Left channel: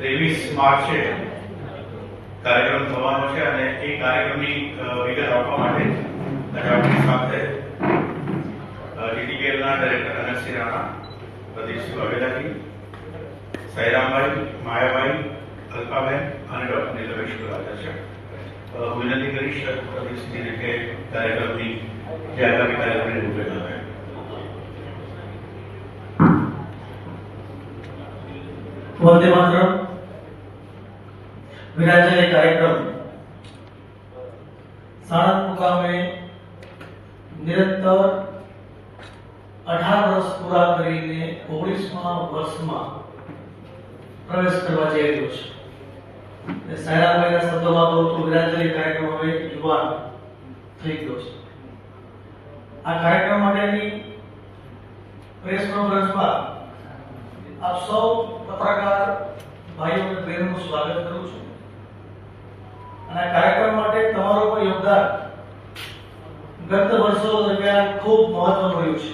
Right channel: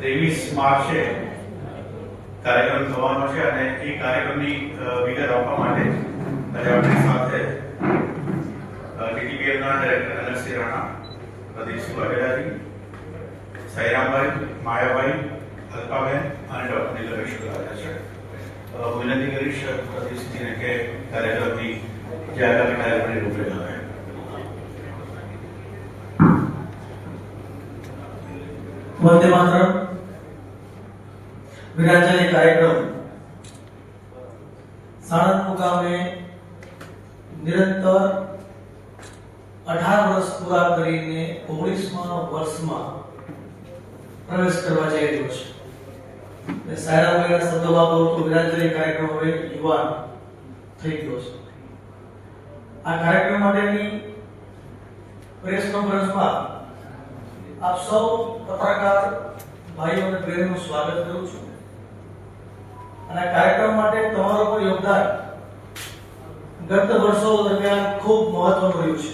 23 માર્ચે કાર્યક્રમ થવાનો છે અને એ કાર્યક્રમની વિગત આપવા માટે આજે આપણી સાથે ટીટીપીએલના ડાયરેક્ટર અનસી રાણા, પ્રદીપસિંહ વાઘેલાજી, સાઈરામભાઈ, માયાભાઈ, અલ્પાબેન અને ડોક્ટર નીલભાઈ શુક્લા છે. હું વિનંતી કરીશ પ્રદીપસિંહને કે કાર્યક્રમની જે આગામી કાર્યક્રમની રૂપરેખા આવે. વંદે માતરમ વિરાજ્ય કાર્યક્રમ સાણંદ મુકામે નિરંતર 18 વર્ષ પૂરા કરીને 19મા વર્ષમાં પ્રવેશ કરવા જઈ રહ્યો છે. સાયરાભાઈના શબ્દોમાં કહું તો વિરાજ્ય કાર્યક્રમ હવે યુવાન થઈ ગયો છે. આ કાર્યક્રમ માટેની પ્રેસ કોન્ફરન્સમાં આપ સૌ પત્રકાર ભાઈઓ અને બહેનોનું સ્વાગત કરું છું. અને આ કાર્યક્રમ માટે તમારો પણ યોગદાન ગત વર્ષો દરમિયાન ખૂબ મહત્વનું રહ્યું છે.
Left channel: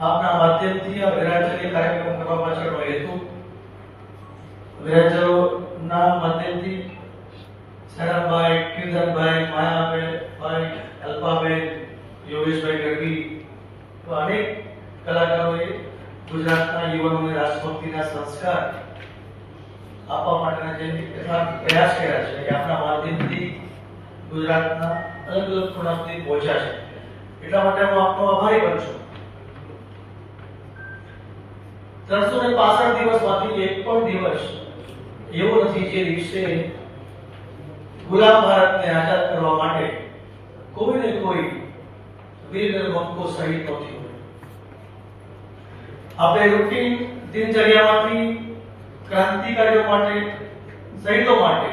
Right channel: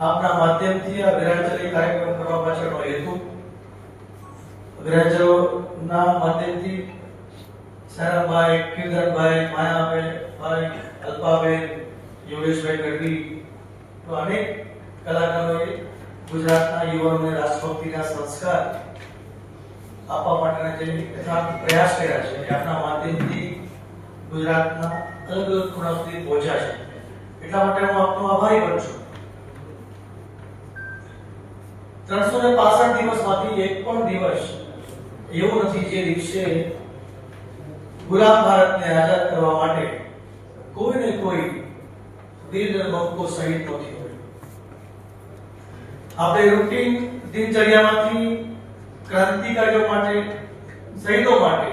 આપના માધ્યમથી આ વિરાજ્ય કાર્યક્રમ કરવા પાછળનો હેતુ વિરાજ્યના માધ્યમથી સારાભાઈ, કિંદનભાઈ, માયાભાઈ, અલ્પાબેન, યોગેશભાઈ ગઢવી તો અનેક કલાકારોએ ગુજરાતના યુવાનોને રાષ્ટ્રભક્તિના સંસ્કાર આપવા માટેના જે કેટલાક પ્રયાસ કર્યા છે એ આપણા માધ્યમથી ગુજરાતના અલગ અલગ ખૂણા સુધી પહોંચ્યા છે. એટલા માટે હું આપનો આભારી પણ છું. 365 દિવસમાંથી એક પણ દિવસ એવો નથી જે દિવસે ગુલામ ભારતને આઝાદ કરવા માટે કોઈ ને કોઈ વીર નરમંકો શહીદ ન થયો. આપણે રૂટીન દિનચર્યામાંથી ક્રાંતિકારીઓ માટે, શહીદો માટે,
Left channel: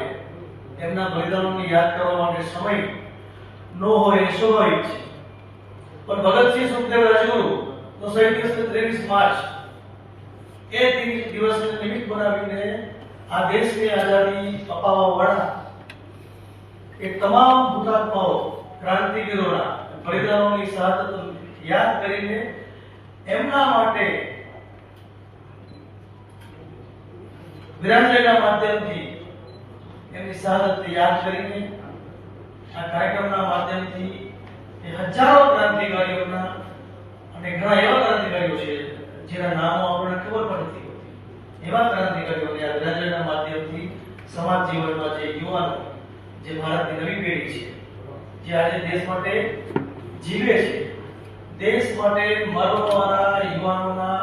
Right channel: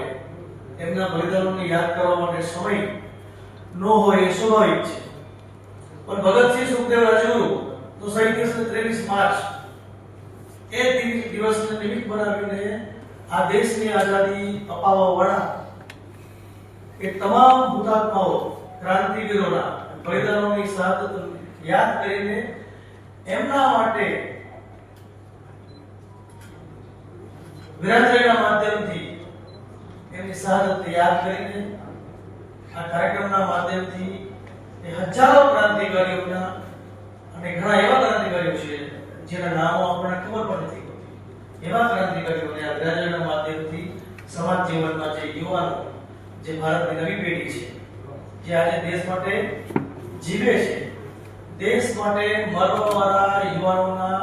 એમના બલિદાનોને યાદ કરવા માટે સમય ન હોય એ સ્વાભાવિક છે. પણ ભગતસિંહ, સુખદેવ, રાજગુરુ તો શહીદ દિવસ 23 માર્ચ એ દિવસને નિમિત્ત બનાવીને આ દેશની આઝાદી અપાવવા વાળા એ તમામ હુતાત્માઓ, ક્રાંતિવીરોના બલિદાનોની શહાદત યાદ કરીને એમના માટે વિરાજ્યના માધ્યમથી એમની શહાદત યાદ કરીને આ કાર્યક્રમના માધ્યમથી એ હજારો ક્રાંતિકારીઓના અને ઘણા એવા ક્રાંતિકારીઓ છે જેના નામો આપણને ખબર પણ નથી હોતી. એવા ક્રાંતિકારીઓને આ વિરાજ્યના માધ્યમથી સમાજ જીવનમાં જે યુવાનો, જે ભારતની નવી પેઢી છે, જે આજે દેશ માટે જીવે છે, દેશ માટે મરવાવાળા યુવાનોના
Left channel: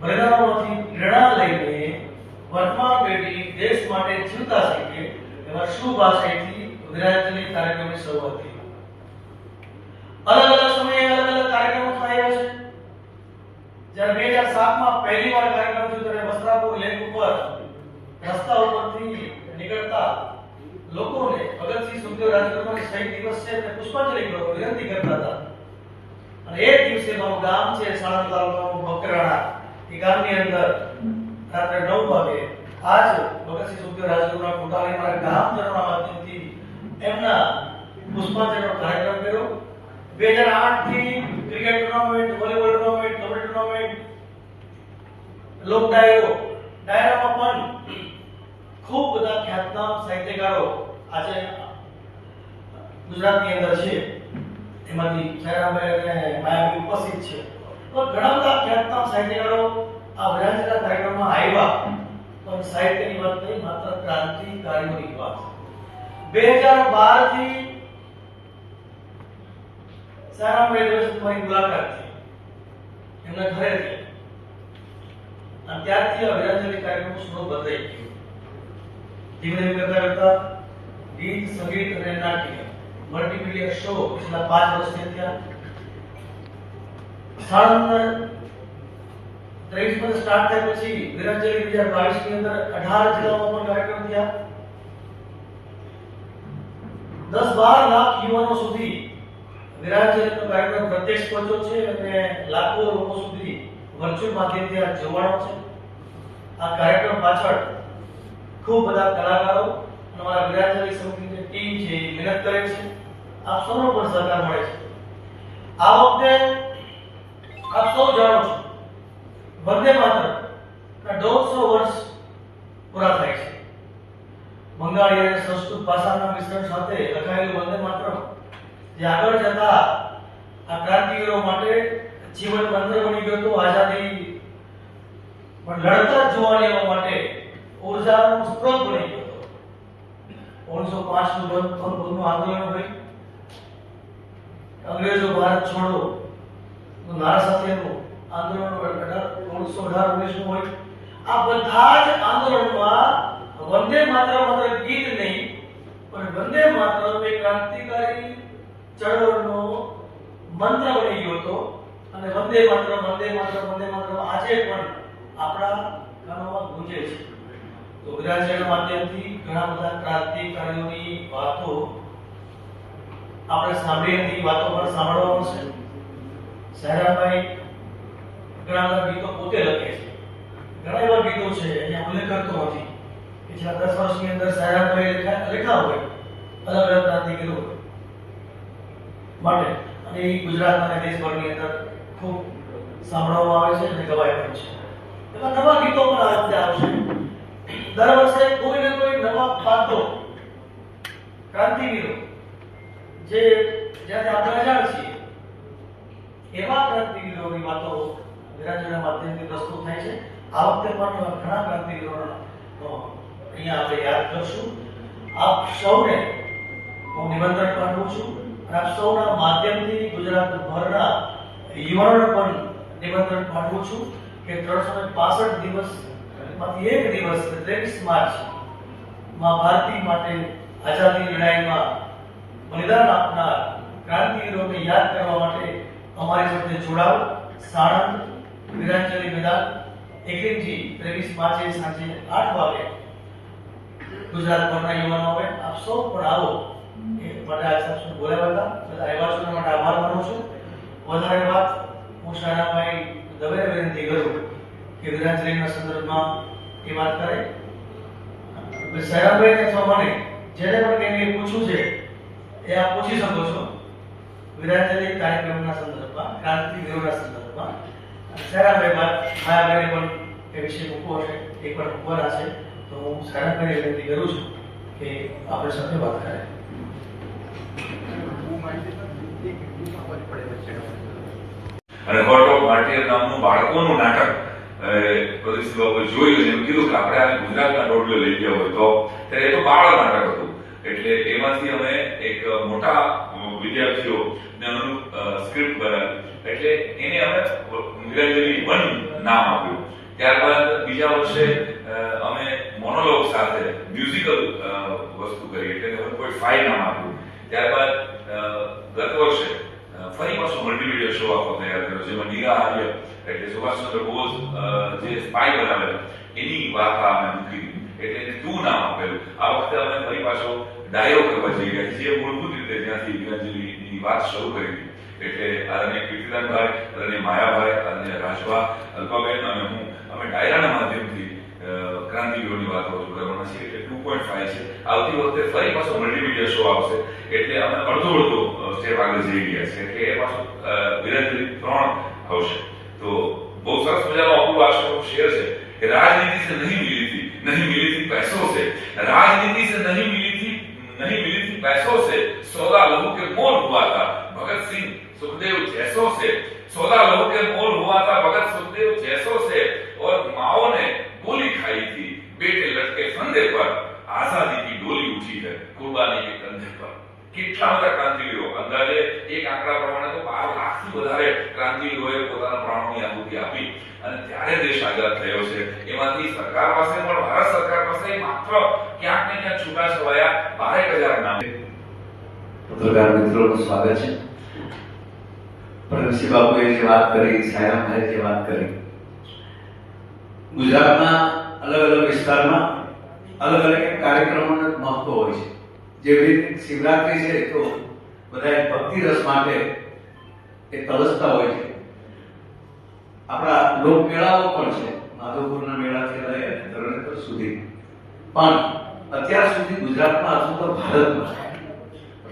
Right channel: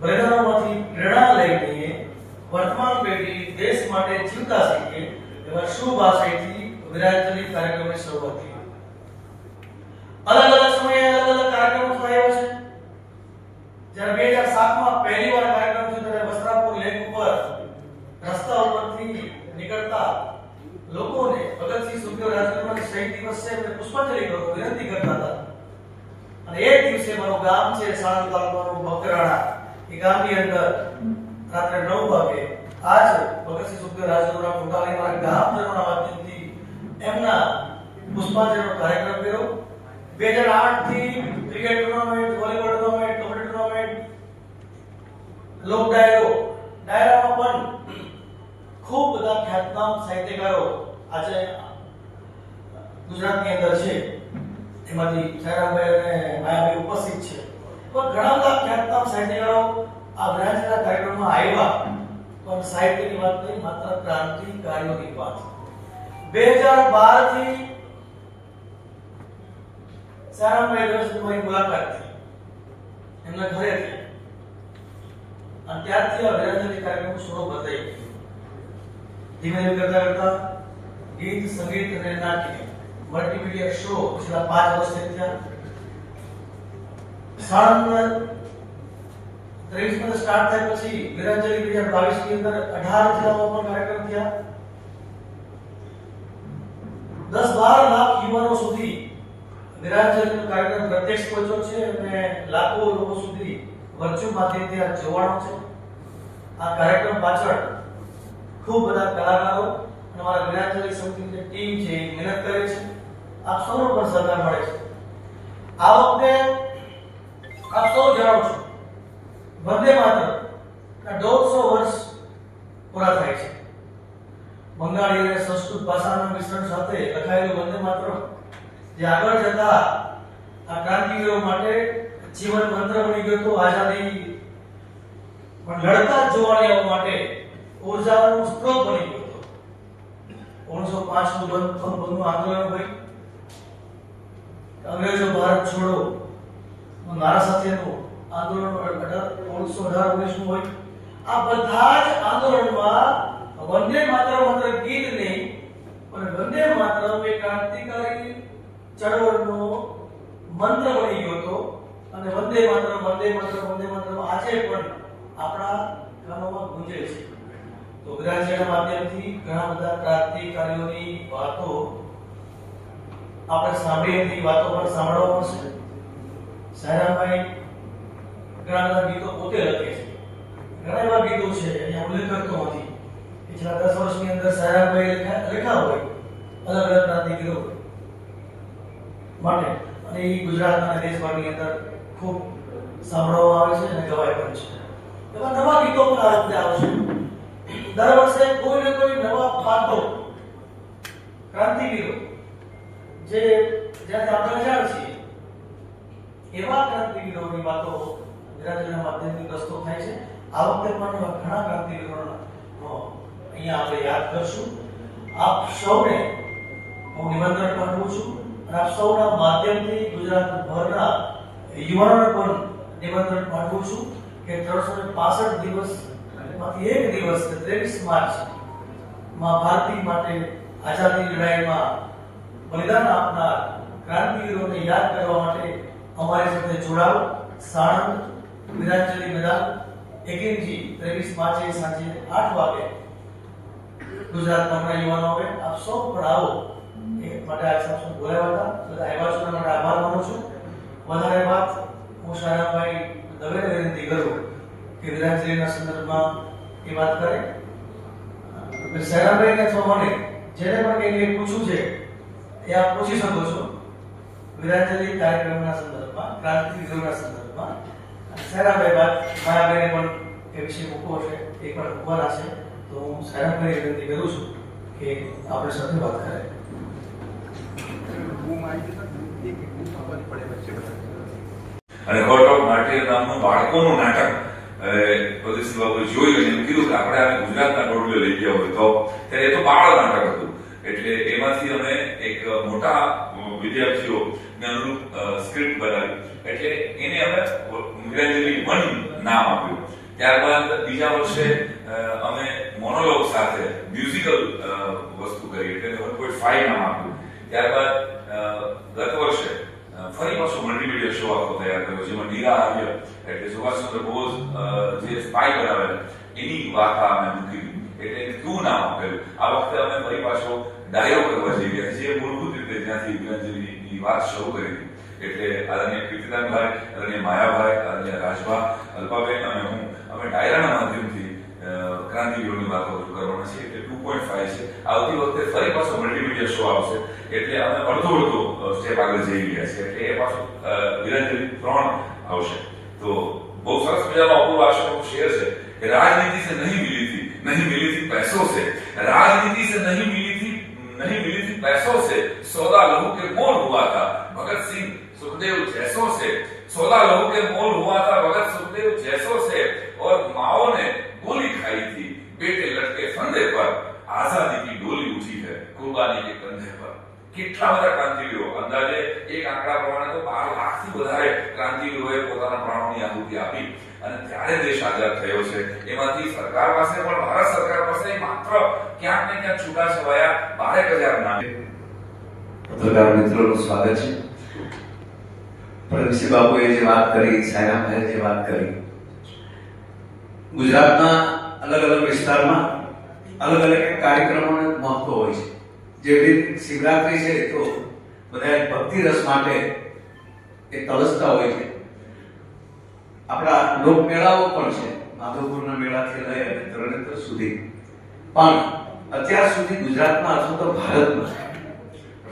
બલિદાનોમાંથી પ્રેરણા લઈને વર્તમાન પેઢી દેશ માટે જીવતા શીખે એવા શુભ આશયથી વિરાજ્ય કાર્યક્રમની શરૂઆત થઈ. અલગ અલગ સમયે અલગ અલગ કાર્યક્રમો થયા છે. જ્યારે 2007માં પહેલી વાર કાર્યક્રમ થયો ત્યારે વસ્ત્રાપુર લેક ઉપર રસ્તા ઉપરથી નીકળતા લોકોને ભગતસિંહ, સુખદેવ, રાજગુરુના શહીદ દિવસ છે એટલે પુષ્પાંજલિ કરવા વિનંતી કરતા હતા. અને એ દિવસે મારું ગામ છે સાણંદ તાલુકાનું બકરાણા, એ ગામની અંદર રાત્રે 9 વાગે આજ ભગતસિંહ, સુખદેવ, રાજગુરુના ફોટાને મારા ગામજનોના માધ્યમથી એમના પુષ્પાંજલિનો કાર્યક્રમ કર્યો. 2008 થી cricket tournament, volleyball tournament, kabaddi tournament, લોક ડાયરામાં પણ ખૂબ બધા ખ્યાતનામ સાહિત્યકારો આજે ગુજરાતની અંદર છે. એમાંથી સાયરામભાઈ અને માયાભાઈ ઉપસ્થિત છે. પણ ઘણા બધા ખ્યાતનામ સાહિત્યકારો આ વિરાજ્યના કાર્યક્રમમાં આવ્યા. પણ સાહિત્યની વાત નહીં, માત્ર ક્રાંતિકારીઓની વાત. 2012 થી સાયરામભાઈ દર્શન મારી મુલાકાત થઈ એમના ઘરેથી. અને ત્યારથી આ વિરાજ્ય કાર્યક્રમનું સ્વરૂપ બદલાઈ ગયું. ધીમે ધીમે કરતા કરતા ગીત, સંગીત અને નાટ્ય મલ્ટીમીડિયા શો છેલ્લા 5 વર્ષથી થયા. સાણંદ 23 માં સ્ટાર્ટ થયા પછી વિરાજ્ય 2022 ની અંદર 18 જિલ્લાઓમાં પણ કાર્યક્રમ થયા. 10-12 લાખ યુવાનો સુધી વિરાજ્યનો કાર્યક્રમ પ્રત્યક્ષ પહોંચ્યો છે અને લાખો લોકો સુધી વર્ચ્યુઅલ માધ્યમથી આ જોવાનો છે. આ કાર્યક્રમ પાછળ ખૂબ બધા કલાકારો અને અમારા વિરાજ્ય સમિતિની ટીમ છે મહેનત કરે છે. આપ સૌનો પણ સહકાર મળે છે. આ વખતે આપ સૌ જાણો છો વંદે માતરમ ના 150 વર્ષ બંગાળી અને સંસ્કૃત ભાષાના મિશ્રણ સાથે લખાયેલું વંદે માતરમ જે આગળ જતા આ ક્રાંતિવીરો માટે જીવન મંત્ર બની ગયો હતો. આઝાદી પણ લડતા જ જોવાનીઓ માટે ઉર્જાનો સ્ત્રોત બની ગયો હતો. 1905 નું બંધનું આંદોલન હોય, અંગ્રેજો ભારત છોડો નારા સાથેનું આંદોલન 1918-19 નું હોય. આ બધા જ આંદોલનમાં વંદે માતરમ માત્ર ગીત નહીં પણ વંદે માતરમ એ ક્રાંતિકારી ચળવળનો મંત્ર બની ગયો હતો. અને વંદે માતરમ વંદે માતરમ વંદે માતરમ આજે પણ આપણા કાનોમાં ગુંજે છે. તો ગુજરાતીના માધ્યમથી ઘણા બધા ક્રાંતિકારીઓની વાતો આપણે સાંભળી હતી, વાતો પણ સાંભળવાનું છે. સૈરામભાઈ ઘણા બધા ગીતો પોતે લખે છે. ઘણા એવા ગીતો છે અહીંયા ઉલ્લેખ કરતો નથી કે છેલ્લા 10 વર્ષની અંદર સૈરામભાઈ લખ્યા હોય અલગ અલગ ક્રાંતિવીરો માટે, અને એ ગુજરાત અને દેશભરની અંદર ખૂબ સાંભળવામાં આવે છે અને ગવાય પણ છે. એવા નવા ગીતો પણ આ વખતે આવશે. દર વર્ષે કોઈ ને કોઈ નવા પાત્રો ક્રાંતિવીરો જે જ્યારે આપણે અજાણ છીએ એવા ક્રાંતિવીરોની વાતો ગુજરાતીના માધ્યમથી પ્રસ્તુત થાય છે. આ વખતે પણ એવા ઘણા ક્રાંતિવીરોનો અહીંયા આપણે યાદ કરશું. આપ સૌને હું નિમંત્રણ પાઠવું છું અને આપ સૌના માધ્યમથી ગુજરાતભરના યુવાનોને પણ નિમંત્રણ પાઠવું છું કે 365 દિવસમાંથી એક દિવસ 23 માર્ચ માં ભારતી માટે આઝાદી લડાઈમાં બલિદાન આપનાર ક્રાંતિવીરોને યાદ કરવા માટે અમારી સાથે જોડાઓ. સાણંદ વીરાંજલી મેદાન એકમજી 23 માર્ચે સાંજે 8 વાગે ગુજરાતભરના યુવાનો હોય આપ સૌ પણ આવો એ માટે આપ સૌ બોલાવ્યા હતા. બધા આવ્યા છો અને આભાર માનું છું. વધારે વાત હું શાહરાભાઈ દવેને વિનંતી કરું કે વીરાંજલીના સંદર્ભમાં એ વાત કરે. શાહરાભાઈને અથવા મને જેને પણ કંઈ પૂછવું છે એ આપ પૂછી શકો છો વીરાંજલી કાર્યક્રમના સંદર્ભમાં, ક્રાંતિવીરોના સંદર્ભમાં. શાહરાભાઈ વાત માયાભાઈને પણ એ વિશે મૂકવો છે એ પણ મૂકવાના છે. તો હું શાહરાભાઈને વિનંતી કરું છું કે આપણે સાથે વાત કરે. અને કોર્ટ ઓફ માર્ટિયર નામનું બાળકોનું નાટક પ્રદીપ બાબુએ જોયું અને એમ કીધું કે આપણે આ ગુજરાતના ટોટલે લઈ ગયા હોય તો ત્યારે એ તો બાળ નાટક હતું. એટલે એમાંથી અમે એક મોટા વિદ્યાર્થીઓને અનુરૂપ સ્ક્રિપ્ટ બનાવી. એટલે એને અમે વીરાંજલી 1 નામ આપ્યું. ત્યારબાદ બીજા વર્ષે અમે મોનોલોગ સાથે મ્યુઝિકલ વસ્તુ કરી એટલે 1.5 નામ આપ્યું. ત્યારબાદ ગત વર્ષે ફરી પાછો મલ્ટીમીડિયા શો આખો તૈયાર કર્યો જેમાં નીરા આર્ય એટલે સુભાષચંદ્ર બોઝ જે સ્પાય બનાવેલા એની વાર્તા અમે મૂકી એટલે ક્યુ નામ આપેલું. આ વખતે અમે ફરી પાછો ડાયો કરવા જઈ રહ્યા જે મૂળભૂત રીતે જ્યાંથી વીરાંજલીની વાત શરૂ કરી હતી. એટલે આદરણીય કીર્તિદાનભાઈ, આદરણીય માયાભાઈ, આદરણીય રાજભા, અલ્પાબેન અને હું અમે ડાયરાના માધ્યમથી ક્રાંતિવીરોની વાતો રજૂ કરવાના છે. એટલે 2.5 છે. આવતી વખતે ફરી પાછો મલ્ટીમીડિયા શો આવશે એટલે અમે અડધો સ્ટેપ આગળ જઈ રહ્યા છીએ. એટલે એ પાછો વીરાંજલી 3 આવશે. તો બહુ સરસ મજાનો અપૂર્વ આશયનો શેર છે કે राजनीति से नहीं मिली थी पैसों से, राजनीति से नहीं मिली थी पैसों से, सौदा लहू के मोल हुआ था भगत सिंह सुखदेव जैसों से, सौदा लहू के मोल हुआ था भगत सुखदेव जैसों से, और माओ ने गोली खाई थी बेटे लटके फंदे पर, आजादी की डोली उठी है कुर्बानी के कंधे पर. કેટલા બધા ક્રાંતિવીરો અંદાજે એક આંકડા પ્રમાણે તો 12 લાખથી વધારે ક્રાંતિવીરોએ પોતાના પ્રાણોની આહુતિ આપી અને ત્યારે દેશ આઝાદ થયો છે. એમાંથી સરકાર પાસે પણ ભારત સરકાર પાસે માત્ર ક્યાંક ને ક્યાંક છૂટા છવાયા 12,000 નામ. પત્રકાર મિત્રોનું સ્વાગત છે. પ્રદીપસિંહ બાબુએ જે વાત કરી, સાયરામભાઈએ જે વાત કરી, ગુજરાતમાં અલગ અલગ વિસ્તારમાં અલગ અલગ કાર્યક્રમોનું મહત્વ હોય છે. જેવી શિવરાત્રી છે તો બધા ભક્તિ રસ માટે એ તલસતા હોય છે. આપણા લોક મેળાઓ પણ છે, માધવપુરના મેળાથી લઈ અને તરણેતર સુધી. પણ અત્યાર સુધી ગુજરાતમાં અથવા તો ભારતમાં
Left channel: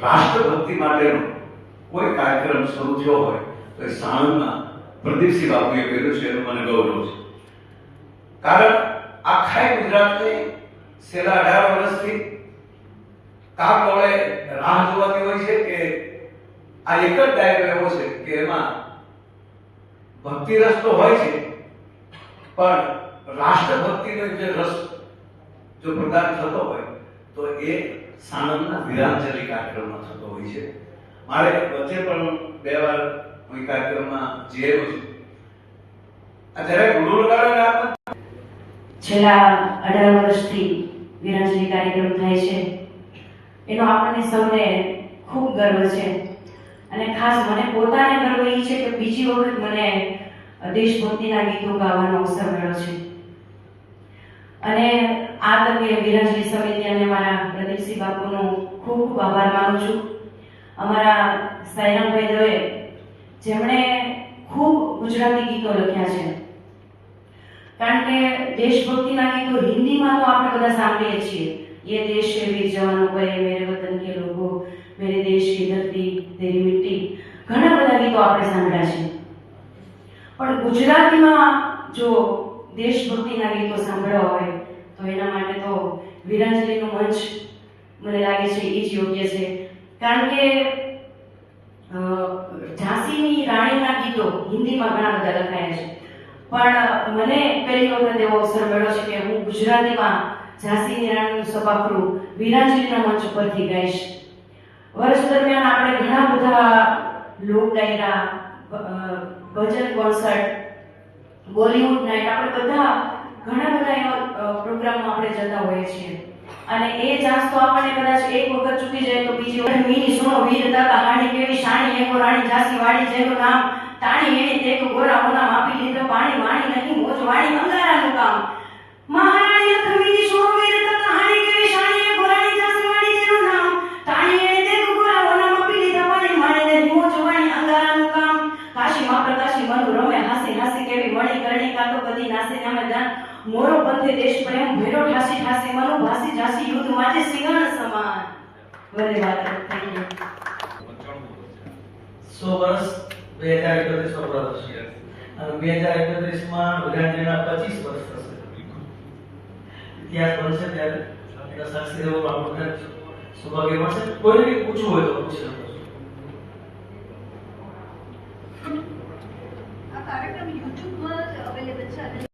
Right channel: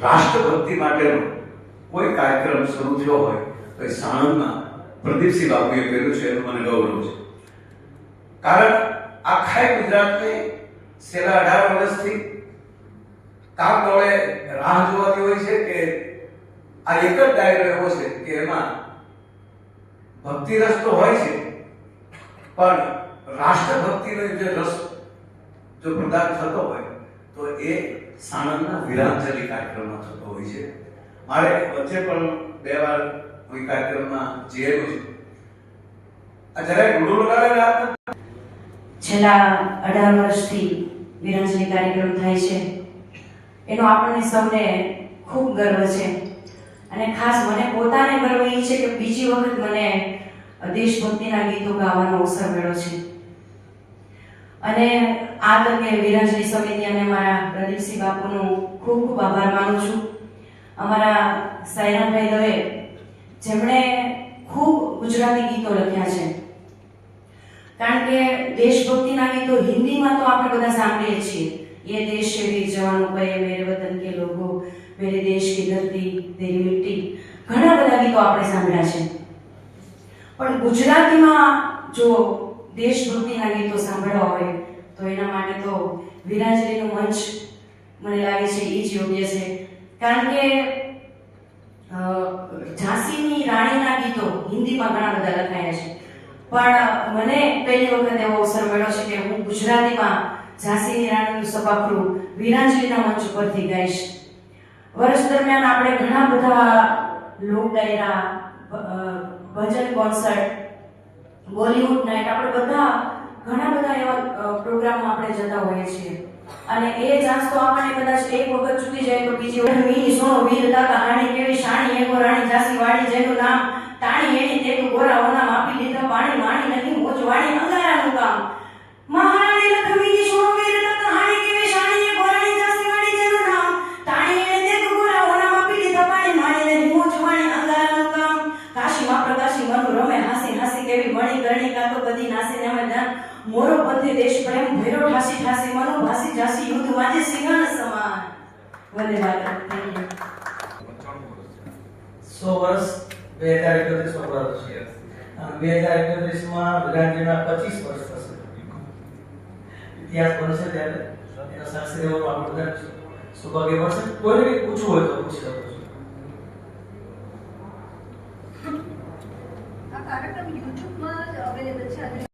રાષ્ટ્રભક્તિ માટેનો કોઈ કાર્યક્રમ શરૂ થયો હોય તો એ સાણંદમાં પ્રદીપસિંહ બાબુએ કર્યું છે એનું મને ગૌરવ છે. કારણ આખા ગુજરાતને છેલ્લા 18 વર્ષથી કાક ડોળે રાહ જોવાતી હોય છે કે આ એક જ ડાયરો એવો છે કે એમાં ભક્તિ રસ તો હોય છે, પણ રાષ્ટ્રભક્તિનો જે રસ જો પ્રદાન થતો હોય તો એ સાણંદના વીરાંજલિ કાર્યક્રમમાં થતો હોય છે. મારે વચ્ચે પણ 2 વાર કોઈ કાર્યક્રમમાં જેવું છે. આ જરાક રૂડો લગાડો આપને. છેલ્લા 18 વર્ષથી વીરાંજલિ કાર્યક્રમ થાય છે એનો આપણને સૌને ખૂબ ગર્વ છે. અને ખાસ મને પોતાને ગર્વ એ છે કે બીજી વખત મને દેશભક્તિના ગીતો ગાવાનો અવસર મળ્યો છે. અને આ તકે વીરાંજલિ સમિતિ અને મારા પ્રદીપસિંહ બાપુનો ખૂબ ખૂબ આભાર માનું છું. અમારા સાયરામભાઈ દવે જેમણે ખૂબ ગુજરાતી ગીતો લખ્યા છે, કારણ કે દેશભક્તિના ગીતો હિન્દીમાં તો આપણે બધા સાંભળીએ છીએ, ये देश के वीर जवानों पे मेरे वतन के लोगों, मेरे देश की धरती तेरी मिट्टी, ઘણા બધા ગીતો આપણે સાંભળ્યા છે. પણ ગુજરાતીમાં જો દેશભક્તિના ગીતો સાંભળવા હોય તો એના માટે તો વીરાંજલિનો મંચ મને લાગે છે એ જ યોગ્ય છે. કારણ કે ઝાંસીની રાણીના ગીતો હિન્દીમાં ઘણા બધા લખાયા છે, પણ મને પહેલી વખત એવો અવસર મળ્યો છે કે હું ગુજરાતીમાં ઝાંસીની રાણીનું સભાખરું વીરાંજલિના મંચ પરથી ગાઈશ. વર્ષ દરમિયાન આપણે ઘણા બધા લોક ડાયરા, ભજન કોન્સર્ટ, બોલિવૂડ નાઇટ, આપણે બધા ઘણા બધા એવા પ્રોગ્રામમાં આપણે જતા હોઈએ છીએ. અને એ ચાન્સ તો આપણને કદાચ એક વખત ચૂકી જાય તો બીજી વખત મીની સુનો વીરતા કહાણી કેવી શાણી એકો રાણી ઝાંસી વાળી જેનું નામ તાણી એની તેક ગોરાઓના માપી લીધા પાણી માણી નથી મોજ વાણી અંગારાનું કામ મહારાણી લખમીની સુનો વીરતા કહાણી કેવી શાણી એકો રાણી ઝાંસી વાળી જેનું નામ તાણી એની તેક ગોરાઓના માપી લીધા પાણી માણી નથી મોજ વાણી અંગારાનું કામ કાશીમાં પ્રકાશી મનુ રમે હાસી હાસી કેવી મણી કરણી કાતો બધી નાસી નામે દાન મોરો પંથે દેશ પ્રેમ ભેરો ઠાસી ઠાસી મનો ભાસી જાસી યુદ્ધ વાજે સિંહણ સમાન. વંદે માતરમ. Thank you. 100 વર્ષ 2031 નો પૂરા થશે અને 2031 માં વીરાંજલિના 25 વર્ષ થશે. ઇતિહાસ બનશે ત્યારે એના સાક્ષી રહેવાનું આપણને સૌભાગ્ય મળશે. કોઈને પૂછવું હોય તો પૂછી શકો છો.